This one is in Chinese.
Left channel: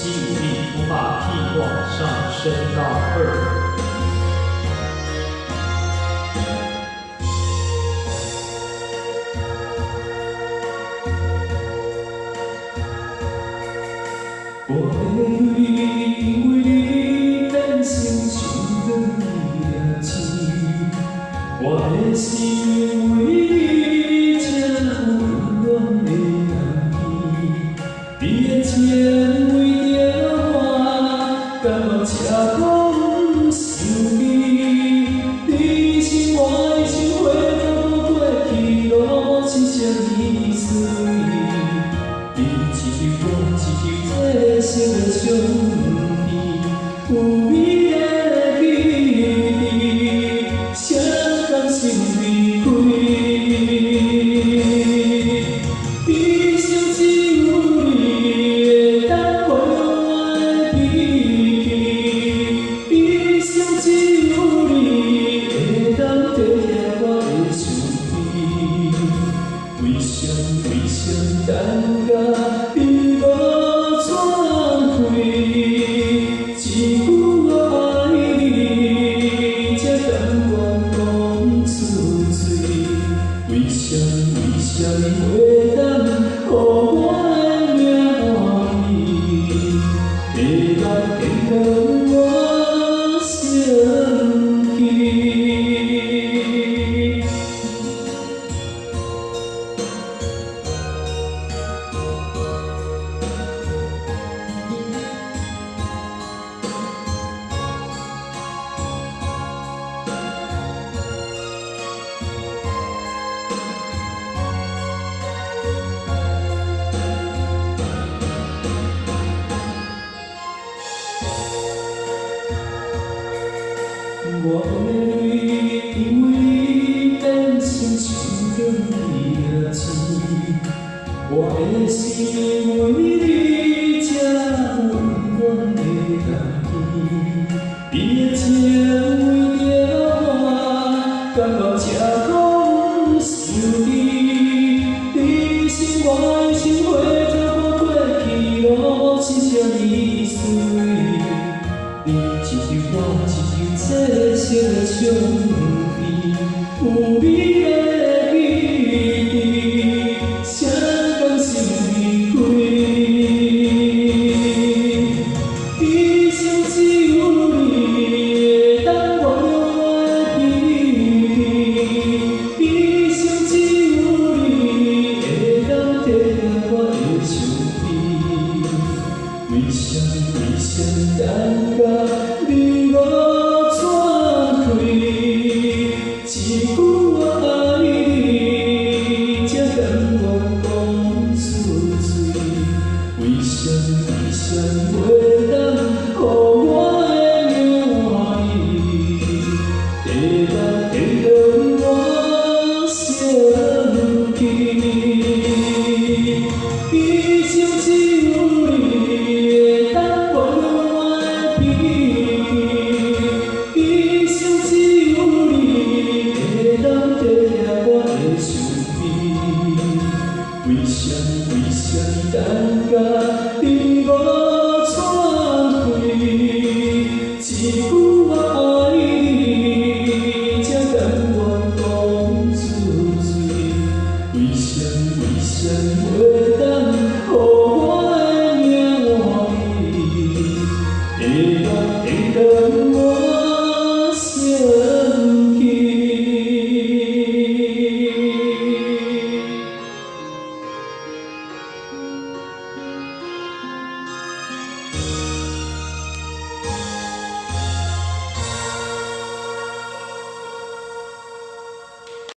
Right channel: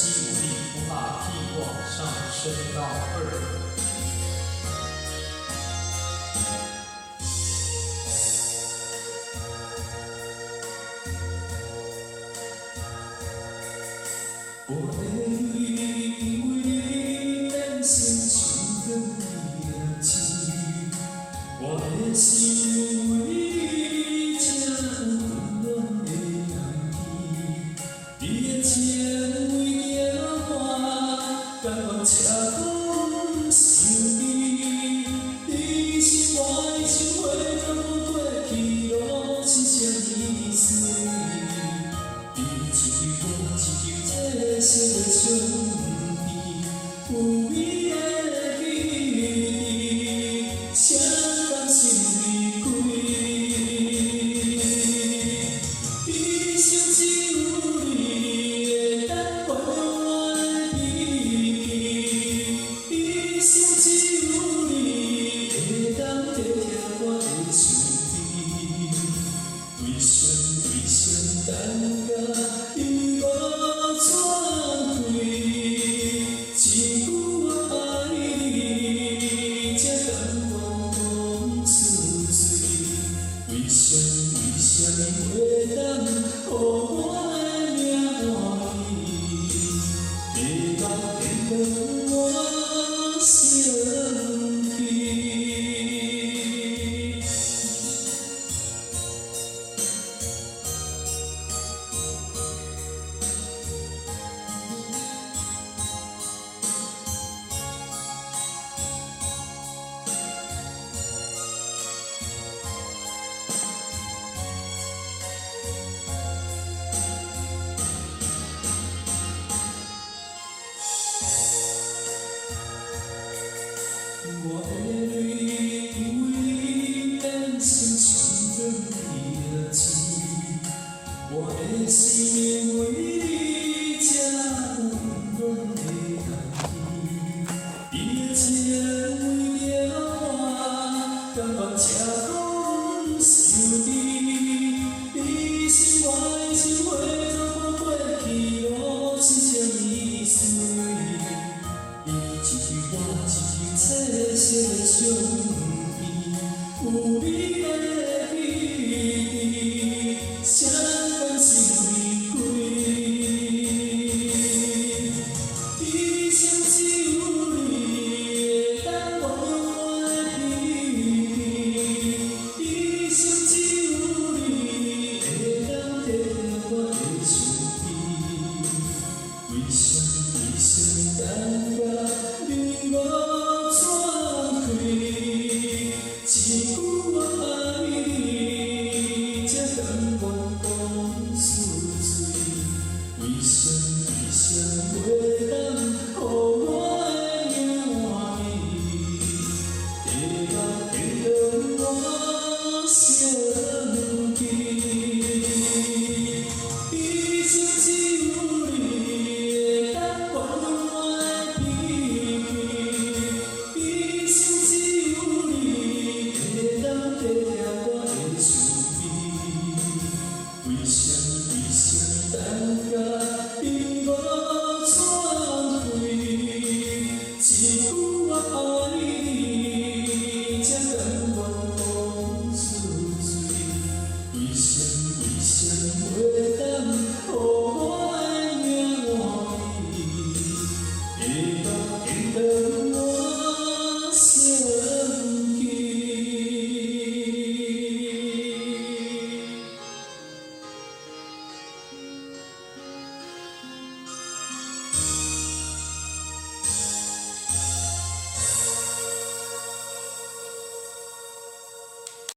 肌无力，无法替往上升到2。我的泪因为你变成像光的钱，我的心因为你这温暖的人儿，你的情为着我，甘愿吃苦受味，你是我的情花，走过去路，深深意思。你一句我一句，这心的相依，有美的记忆，谁甘心离开？一生只有你会当原谅我的脾气，一生只有你会当体贴我的伤悲。为什感觉你无转开？一句我爱你，才甘愿讲出嘴。为什你袂当予我的命换伊？白目见让我生气。我的泪因为你变成像光的钱，我的心因为你这温暖的人儿，你的情为着我，甘愿吃苦受味。你是我的情花，走过去路，深深意思。你一句我一句，这心的相依，有美的记忆，谁甘心离开？一生只有你会当原谅我的脾气，一生只有你会当体贴我的伤悲。为什感觉你无转开？一句我爱你，才甘愿讲出嘴。为什袂当予我的命换伊？白目会让我生气。一生只有你会当原谅我的脾气，一生只有你会当体贴我的伤悲。为什感觉